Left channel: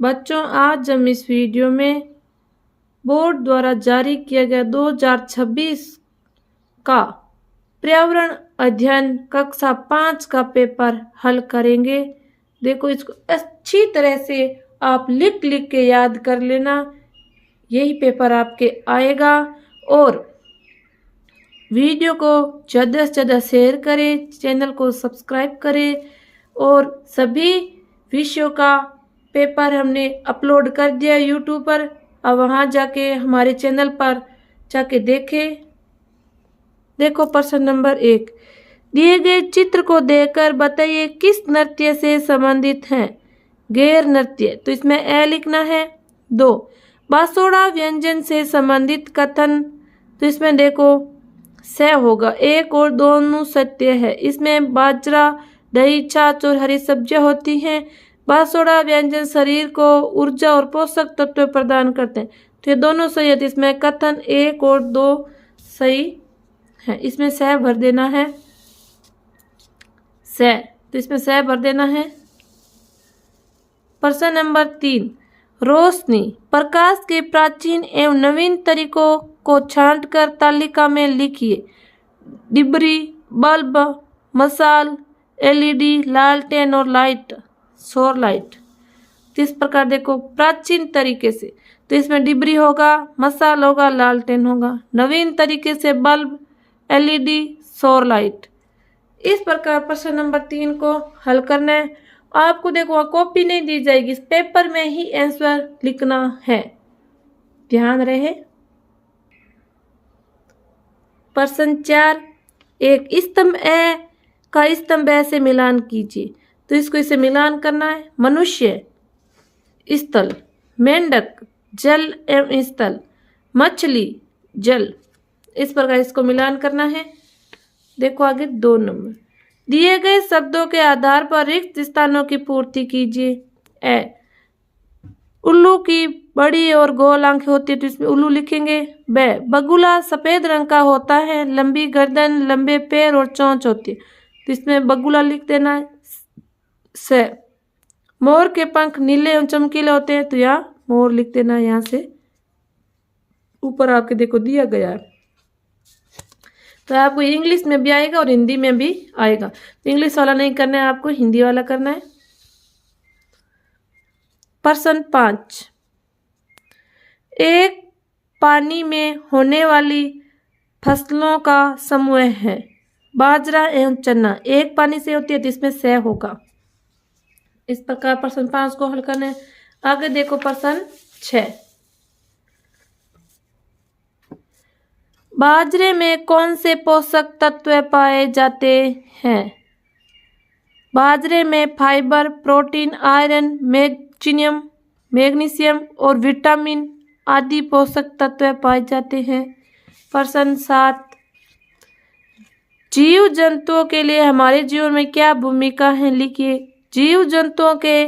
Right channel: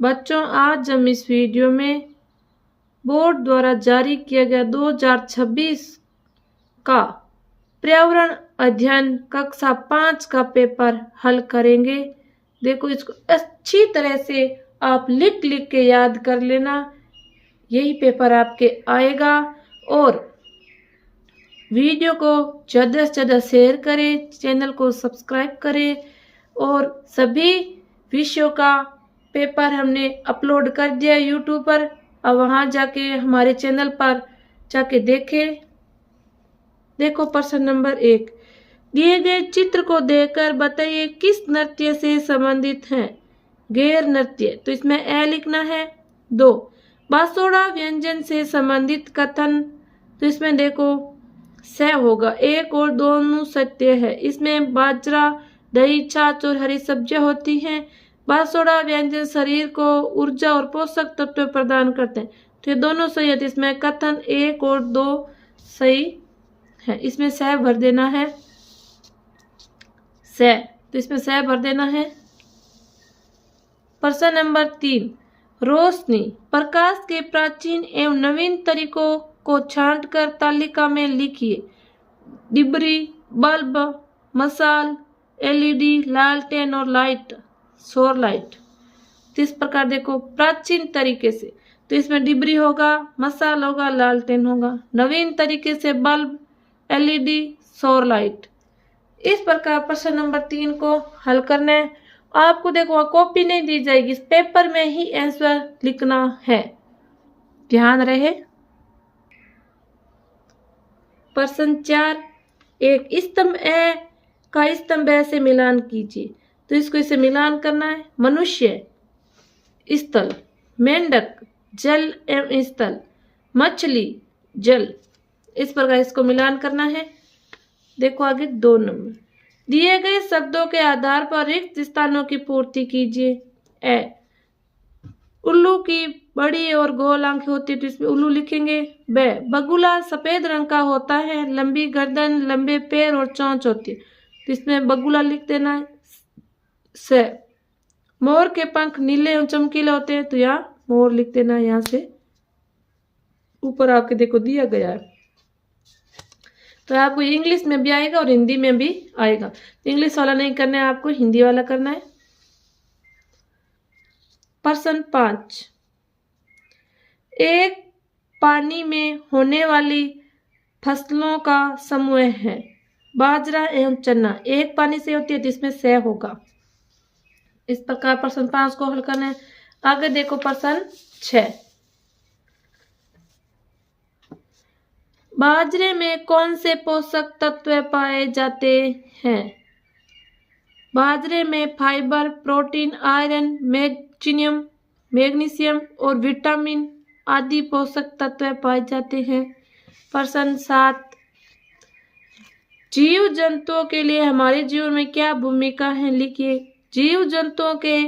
बच्चों, आज हम इस वीडियो में बोर्ड द्वारा जारी किया गया 2026 का पर्यावरण अध्ययन कक्षा 5 का पेपर हल करेंगे। देखो, इसको अच्छी तरह से आप लिख लिख के याद कर लेना, यही पेपर आपके आएगा। और वीडियो को ज़्यादा से ज़्यादा शेयर करें, चैनल को सब्सक्राइब करें। और सभी विषयों का पेपर हमने अपलोड कर दिया यूट्यूब पर, अब वहाँ जाके हमारे चैनल पर जाके देखें। देखो, प्रश्न नंबर 1, दिए गए चित्र को देखकर बताइए किस नृत्य से संबंधित हैं। गैर नृत्य, तो इसमें ए लिखना है। 2, बासोड़ा व्यंजन से संबंधित कथन, तो इसमें देखो स होगा। 1 और 2 सत्य है। इसमें बाजरा, दही, छाछ और हरी सब्जियां होती हैं। बासोड़ा व्यंजन शरीर को ऊर्जा और पोषक तत्व प्रदान करते हैं, तो ये दोनों सही है। तो इसमें कथन 1 और 2 सही है। इसमें स भर देना है, स, तो इसमें स भर देना है। प्रश्न नंबर 3, रोशनी प्रकाश के प्राचीन एवं नवीन तरीकों को छांटकर तालिका में लिखिए। डिबरी, बल्ब, मशाल, एलईडी, लालटेन और लाइट, सौर लाइट। तो इस प्रकार देखो प्राचीन तरीके से, तो इसमें डिबरी होगा, मशाल होगा, लालटेन होगा। नवीन तरीके से बल्ब, एलईडी, सौर लाइट। इस प्रकार प्रश्न नंबर 3 को हल करना है। आपको देखो कॉपी नहीं दी जाएगी, इस पेपर में ही आंसर लिखना है, ध्यान रहे। प्रश्न 4, एक स्तंभ ए का स्तंभ ए से मिलान कीजिए। तो इसको इसे मिलान करना है। मनुष्य स्थल, मेंढक जल एवं स्थल, मछली जल, इस प्रकार इसको मिलान करना है। देखो आगे 2 नंबर, दिए गए शब्दों के आधार पर रिक्त स्थानों की पूर्ति कीजिए। ए, उल्लू की बड़ी और गोल आंखें होती है, तो इसमें उल्लू लिखेंगे। ब, बगुला सफेद रंग का होता है, लंबी गर्दन, लंबे पैर और चोंच होती है, तो इसमें बगुला लिख देना है। स, मोर के पंख नीले एवं चमकीले होते हैं, तो यहाँ मोर लिख देना है। यहाँ से ऊपर आपके देखो दिया गया है, तो आपको इंग्लिश में भी आएगा और हिंदी में भी आएगा। तो इंग्लिश वाला नहीं करना है, आपको हिंदी वाला करना है। प्रश्न 5, एक पानी में होने वाली फसलों का समूह है। बाजरा एवं चना एक पानी से होती है, तो इसमें स होगा। इस प्रकार प्रश्न 5 को हल करना है। आगे देखो प्रश्न 6, बाजरे में कौन से पोषक तत्व पाए जाते हैं। बाजरे में फाइबर, प्रोटीन, आयरन, मैग्नीशियम और विटामिन आदि पोषक तत्व पाए जाते हैं। प्रश्न 7, जीव जंतुओं के लिए हमारे जीवन में क्या भूमिका है, लिखिए। जीव जंतुओं के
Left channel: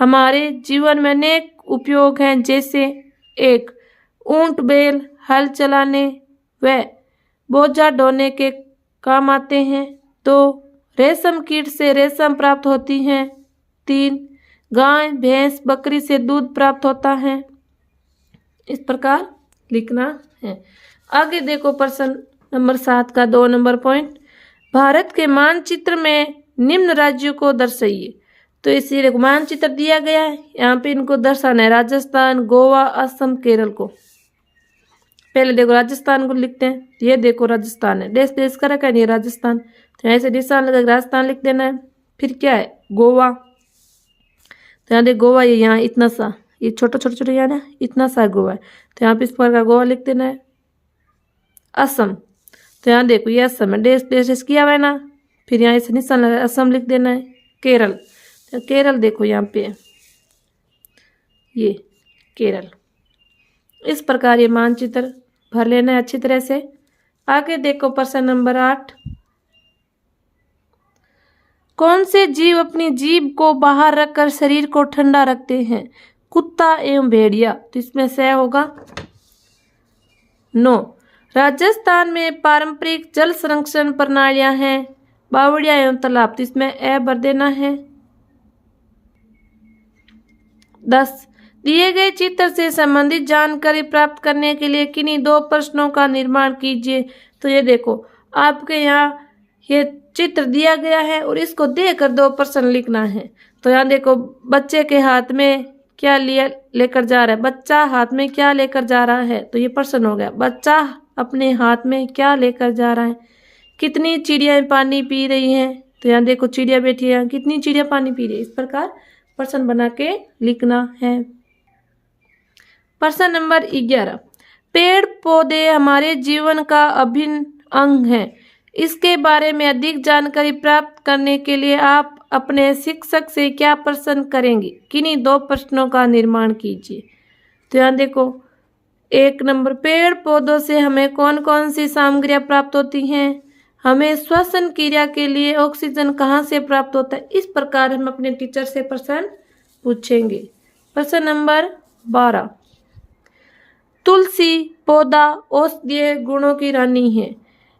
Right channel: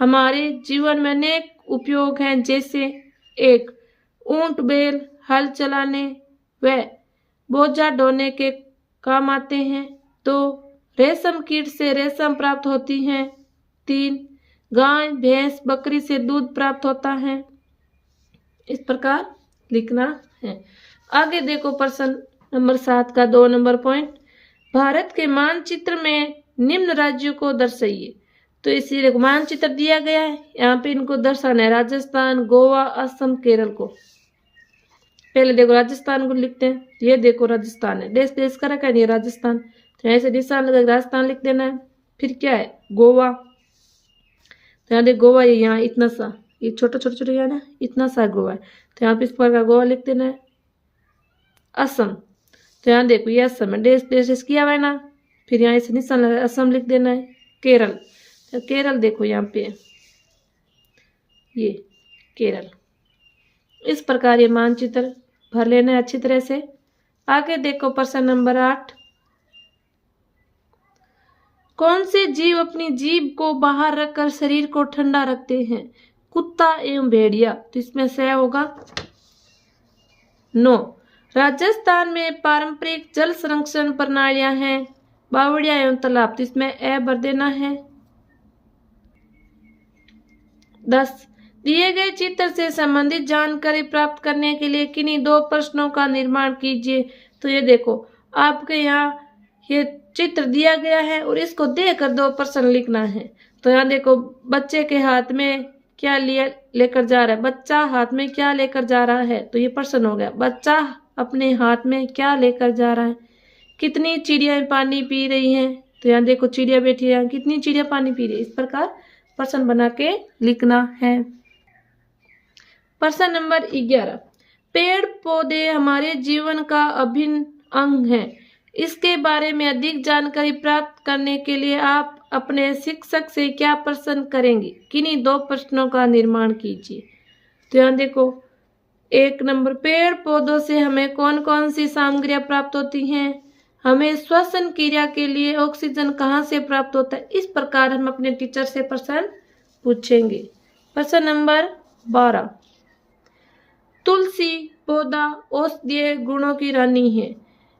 हमारे जीवन में अनेक उपयोग हैं, जैसे 1, ऊंट बैल हल चलाने व बोझा ढोने के काम आते हैं। 2, रेशम कीट से रेशम प्राप्त होती हैं। 3, गाय, भैंस, बकरी से दूध प्राप्त होता है। इस प्रकार लिखना है। आगे देखो प्रश्न नंबर 7 का 2 नंबर पॉइंट, भारत के मानचित्र में निम्न राज्यों को दर्शाइए। तो इसीलिए मानचित्र दिया गया है, यहाँ पे इनको दर्शाना है। राजस्थान, गोवा, असम, केरल को। पहले देखो राजस्थान को लिखते हैं, ये देखो राजस्थान है, देश देश का रखा नहीं राजस्थान, तो ऐसे निशान लगा राजस्थान लिख देना है। फिर क्या है, गोवा, तो यहाँ देखो गोवा, ये यहाँ इतना सा, ये छोटा छोटा छोटा यहाँ ना इतना सा गोवा है, तो यहाँ पे इस प्रकार गोवा लिख देना है। असम, तो यहाँ देखो ये असम है, देश देश किया हुआ है ना, फिर यहाँ इसे निशान लगा असम लिख देना है। केरल, तो केरल देखो यहाँ पे ये केरल। इस प्रकार ये मानचित्र भर लेना है अच्छी तरह से। आगे देखो प्रश्न नंबर 8, कौन से जीव अपनी जीभ को बाहर रखकर शरीर को ठंडा रखते हैं। कुत्ता एवं भेड़िया, तो इसमें से होगा। 9, राजस्थान में पारंपरिक जल संरक्षण प्रणालियां हैं। बावड़िया एवं तालाब, तो इसमें ए भर देना है। 10 दिए गए चित्र से संबंधित जानकारी प्राप्त करने के लिए किन्हीं 2 प्रश्नों का निर्माण कीजिए। तो ये देखो, आपके यहाँ ये चित्र दिया गया है और इसको देखकर 2 प्रश्न लिखना है। तो यहाँ देखो, बच्चे के हाथ में क्या लेकर जा रहा है, बच्चा हाथ में क्या लेकर जा रहा है, तो ये प्रश्न हो गया। बच्चा अपने हाथ में क्या लेकर जा रहा है। कितनी चिड़िया पानी पी रही हैं, तो यहाँ देखो चिड़िया बैठी है, कितनी चिड़िया पानी पी रही है। इस प्रकार प्रश्न बना के लिखना है। प्रश्न नंबर 11, पेड़ पौधे हमारे जीवन का अभिन्न अंग है। इसके बारे में अधिक जानकारी प्राप्त करने के लिए आप अपने शिक्षक से क्या प्रश्न करेंगे। किन्हीं 2 प्रश्नों का निर्माण कीजिए। तो यहाँ देखो, 1 नंबर, पेड़ पौधों से हमें कौन कौन सी सामग्रियां प्राप्त होती हैं। हमें श्वसन क्रिया के लिए ऑक्सीजन कहाँ से प्राप्त होता है। इस प्रकार हम अपने टीचर से प्रश्न पूछेंगे। प्रश्न नंबर 12, तुलसी पौधा औषधीय गुणों की रानी है।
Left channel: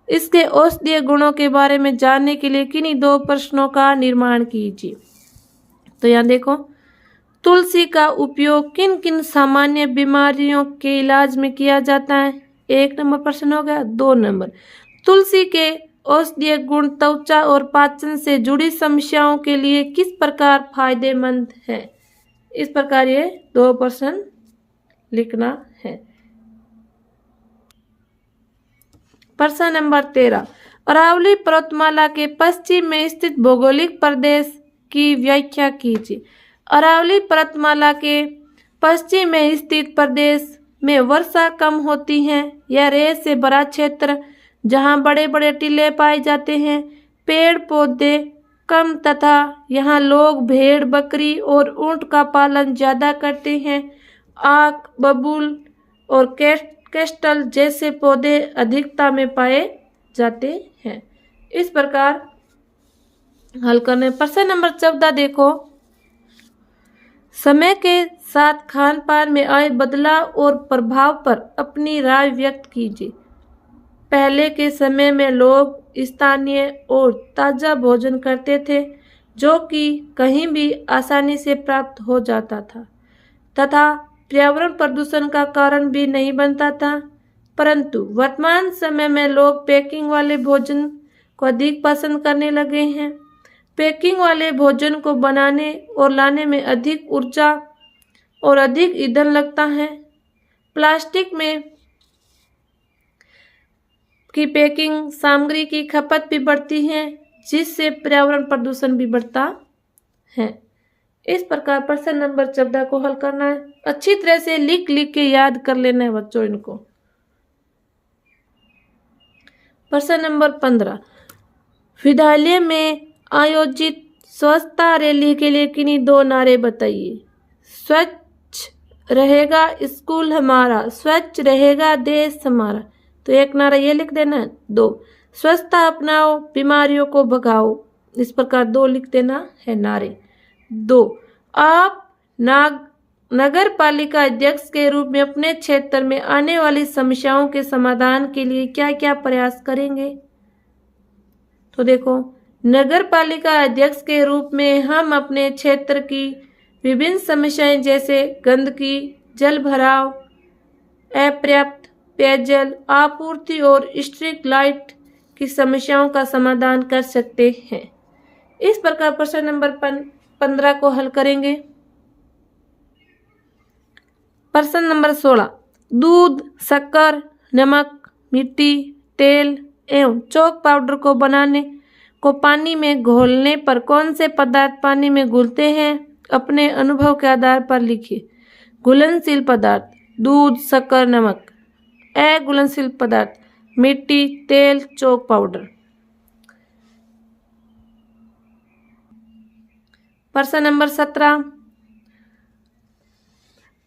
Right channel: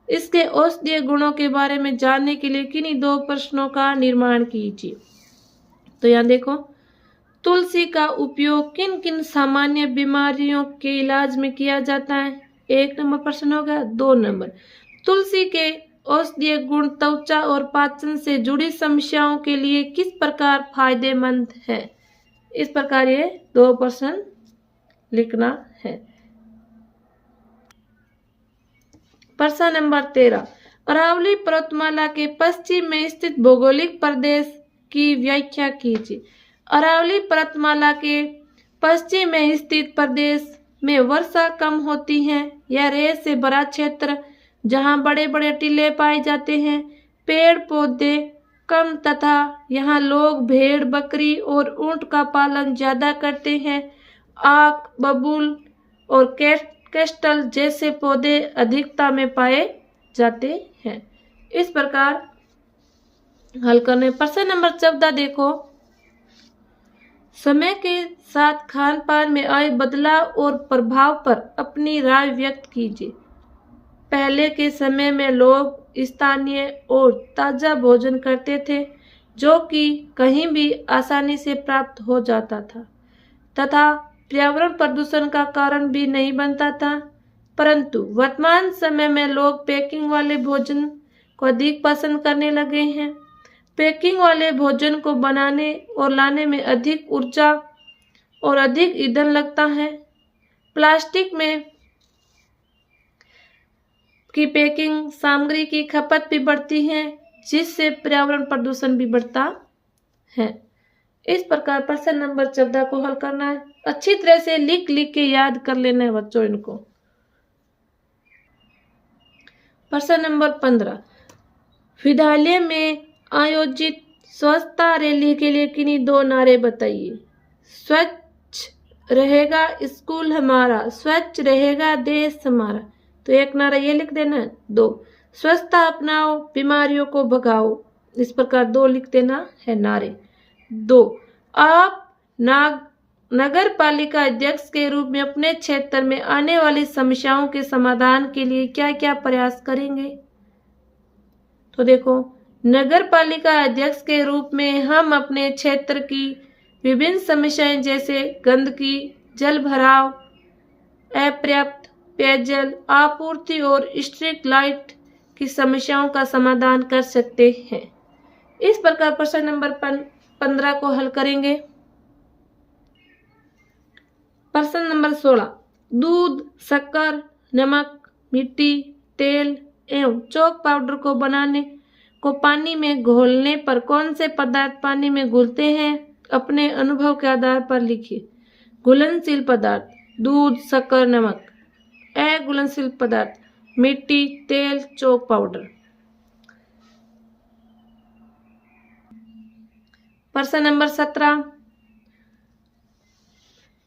इसके औषधीय गुणों के बारे में जानने के लिए किन्हीं 2 प्रश्नों का निर्माण कीजिए। तो यहाँ देखो, तुलसी का उपयोग किन किन सामान्य बीमारियों के इलाज में किया जाता है। 1 नंबर प्रश्न हो गया। 2 नंबर, तुलसी के औषधीय गुण त्वचा और पाचन से जुड़ी समस्याओं के लिए किस प्रकार फायदेमंद है। इस प्रकार ये 2 प्रश्न लिखना है। प्रश्न नंबर 13, अरावली पर्वतमाला के पश्चिम में स्थित भौगोलिक प्रदेश की व्याख्या कीजिए। अरावली पर्वतमाला के पश्चिम में स्थित प्रदेश में वर्षा कम होती है। यह रेत से भरा क्षेत्र जहां बड़े बड़े टीले पाए जाते हैं, पेड़ पौधे कम तथा यहाँ लोग भेड़ बकरी और ऊंट का पालन ज्यादा करते हैं। आक, बबूल और केस्टल जैसे पौधे अधिकता में पाए जाते हैं। इस प्रकार हल करने। प्रश्न नंबर 14 देखो, समय के साथ खान पान में आए बदलाव और प्रभाव पर अपनी राय व्यक्त कीजिए। पहले के समय में लोग स्थानीय और ताज़ा भोजन करते थे, जो कि कहीं भी आसानी से प्राप्त हो जाता था तथा पर्यावरण प्रदूषण का कारण भी नहीं बनता था। परंतु वर्तमान समय में लोग पैकिंग वाले भोजन को अधिक पसंद करने लगे हैं। पैकिंग वाले भोजन को बनाने और लाने में अधिक ऊर्जा और अधिक ईंधन लगता है। प्लास्टिक में की पैकिंग सामग्री की खपत भी बढ़ती है, जिससे पर्यावरण प्रदूषण भी बढ़ता है। इस प्रकार प्रश्न नंबर 14 को हल करना है। अच्छी तरह से लिख के याद कर लेना है बच्चों इनको। प्रश्न नंबर 15, विद्यालय में आयोजित स्वच्छता रैली के लिए किन्हीं 2 नारे बताइए। स्वच्छ रहेगा स्कूल हमारा, स्वच्छ रहेगा देश हमारा। तो 1 नारा ये लिख देना। 2, स्वच्छता अपनाओ बीमारियों को भगाओ। इस प्रकार 2 लिख देना है नारे। 2, आप नगर पालिका अध्यक्ष के रूप में अपने क्षेत्र में आने वाली समस्याओं के समाधान के लिए क्या क्या प्रयास करेंगे। तो देखो, नगर पालिका अध्यक्ष के रूप में हम अपने क्षेत्र की विभिन्न समस्याएं जैसे गंदगी, जल भराव, अपर्याप्त पेयजल आपूर्ति और स्ट्रीट लाइट की समस्याओं का समाधान कर सकते हैं। इस प्रकार प्रश्न नंबर 15 को हल करेंगे। प्रश्न नंबर 16, दूध, शक्कर, नमक, मिट्टी, तेल एवं चॉक पाउडर को बनाने को पानी में घोलने पर कौन से पदार्थ पानी में घुलते हैं। अपने अनुभव के आधार पर लिखिए। घुलनशील पदार्थ दूध, शक्कर, नमक। अघुलनशील पदार्थ मिट्टी, तेल, चॉक पाउडर। प्रश्न नंबर 17,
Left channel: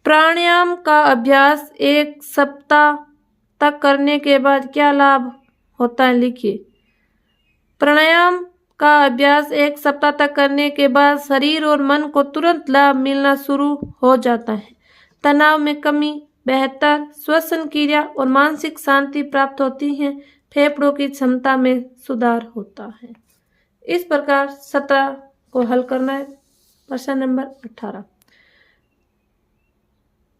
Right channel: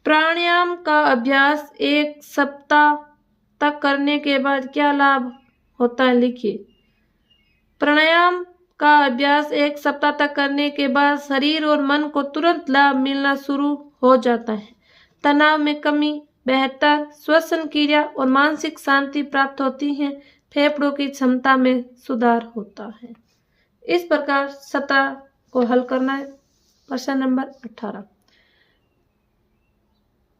प्राणायाम का अभ्यास 1 सप्ताह तक करने के बाद क्या लाभ होता है, लिखिए। प्राणायाम का अभ्यास 1 सप्ताह तक करने के बाद शरीर और मन को तुरंत लाभ मिलना शुरू हो जाता है। तनाव में कमी, बेहतर श्वसन क्रिया और मानसिक शांति प्राप्त होती है। फेफड़ों की क्षमता में सुधार होता है। इस प्रकार 17 को हल करना है। प्रश्न नंबर 18,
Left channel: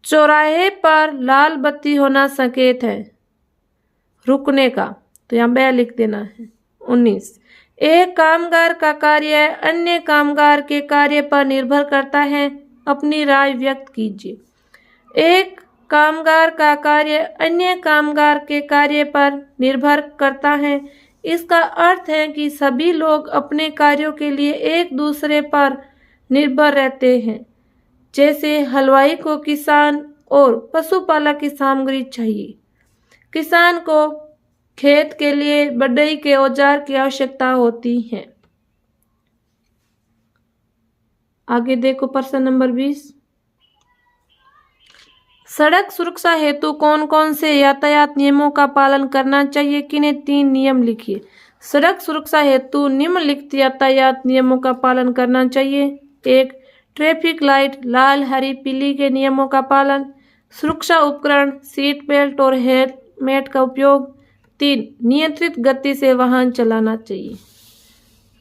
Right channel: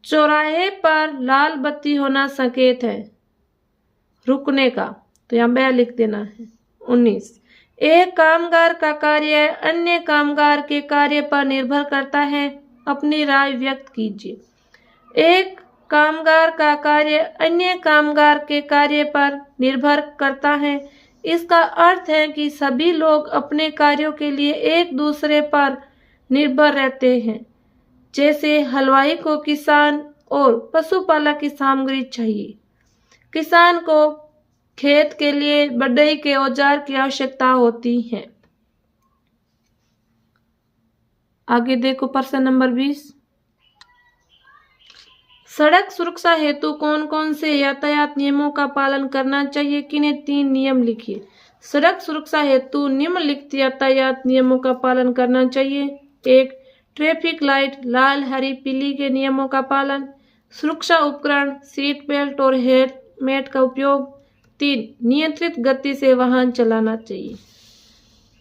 चौराहे पर लाल बत्ती होना संकेत है रुकने का, तो यहाँ ब लिख देना है। 19, एक कामगार का कार्य अन्य कामगार के कार्य पर निर्भर करता है, अपनी राय व्यक्त कीजिए। एक कामगार का कार्य अन्य कामगार के कार्य पर निर्भर करता है, इसका अर्थ है कि सभी लोग अपने कार्यों के लिए एक दूसरे पर निर्भर रहते हैं। जैसे हलवाई को किसान और पशुपालक की सामग्री चाहिए। किसान को खेत के लिए बढ़ई के औजार की आवश्यकता होती है। आगे देखो प्रश्न नंबर 20। सड़क सुरक्षा हेतु कौन कौन से यातायात नियमों का पालन करना चाहिए? किन्हें 3 नियम लिखिए। सड़क सुरक्षा हेतु निम्नलिखित यातायात नियमों का पालन करना चाहिए। 1, ट्रैफिक लाइट लाल हरी पीली के नियमों का पालन। सुरक्षा उपकरण सीट बेल्ट और हेलमेट का उपयोग। 3, नियंत्रित गति से वाहन चलाना चाहिए।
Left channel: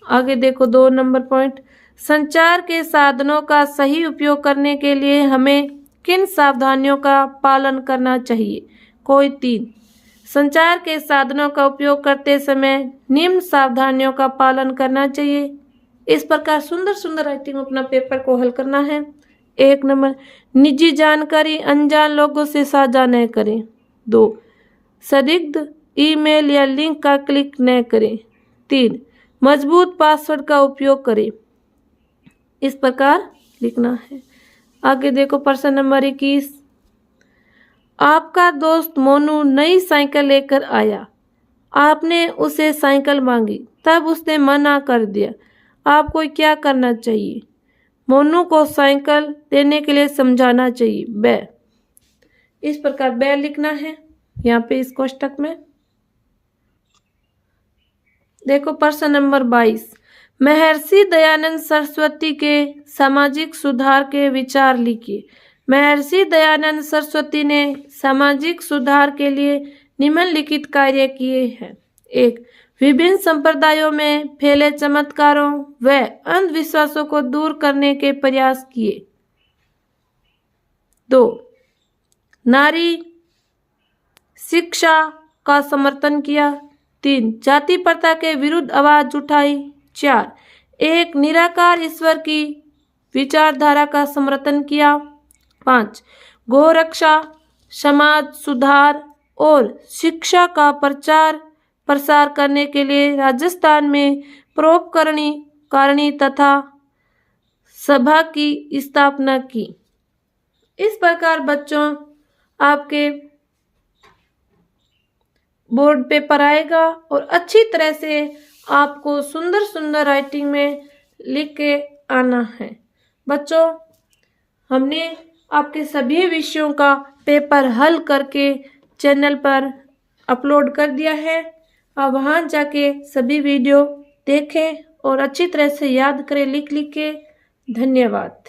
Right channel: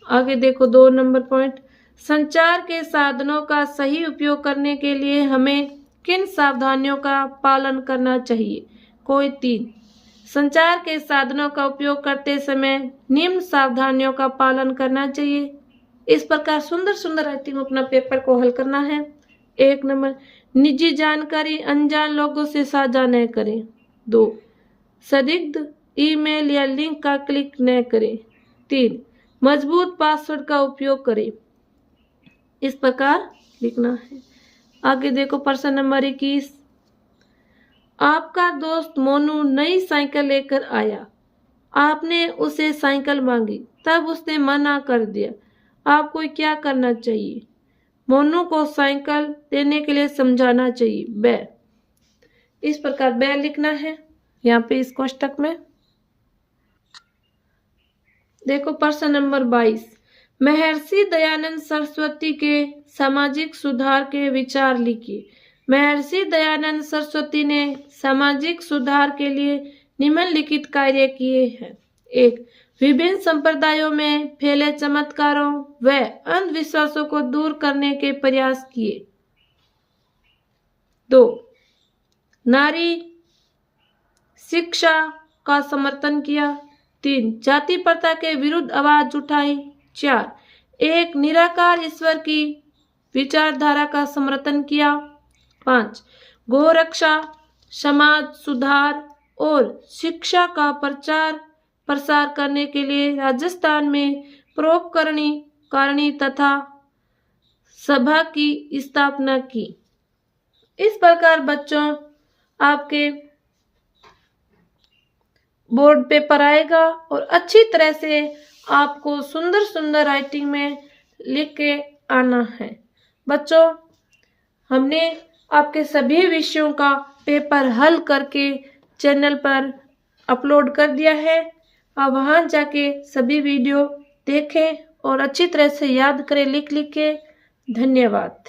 आगे देखो 2 नंबर पॉइंट। संचार के साधनों का सही उपयोग करने के लिए हमें किन सावधानियों का पालन करना चाहिए? कोई 3। संचार के साधनों का उपयोग करते समय निम्न सावधानियों का पालन करना चाहिए। इस प्रकार सुंदर सुंदर राइटिंग अपना पेपर को हल करना है। 1 नंबर, निजी जानकारी अनजान लोगों से साझा न करें। 2, संदिग्ध ईमेल या लिंक का क्लिक न करें। 3, मजबूत पासवर्ड का उपयोग करें। इस प्रकार लिखना है। आगे देखो प्रश्न नंबर 21। आपका दोस्त मोनू नई साइकिल लेकर आया, आपने उसे साइकिल मांगी, तब उसने मना कर दिया, आपको क्या करना चाहिए? मोनू को साइकिल देने के लिए समझाना चाहिए। ब, इस प्रकार ब लिखना है यहाँ पे इस कोष्टक में। देखो प्रश्न नंबर 22। महर्षि दयानंद सरस्वती के सामाजिक सुधार के विचार लिखिए। महर्षि दयानंद सरस्वती ने सामाजिक सुधार के लिए निम्नलिखित कार्य किए हैं। 1, विभिन्न संप्रदायों में फैले चमत्कारों व अंधविश्वासों को दूर करने के प्रयास किए। 2, नारी शिक्षा का समर्थन किया। 3, जाति प्रथा के विरुद्ध आवाज उठाई। 4, एक निराकार ईश्वर की विचारधारा का समर्थन किया। 5, गौ रक्षा, समाज सुधार और शिक्षा का प्रचार प्रसार करने के लिए राजस्थान में परोपकारी तथा सभा की स्थापना की। इस प्रकार बच्चों आपके बोर्ड पेपर आएगा और अच्छी तरह से आपको सुंदर सुंदर राइटिंग में लिख के आना है। बच्चों हमने आपके सभी विषयों का पेपर हल करके चैनल पर अपलोड कर दिया है। आप वहाँ जाके सभी वीडियो देखें और अच्छी तरह से याद करें लिख के। धन्यवाद।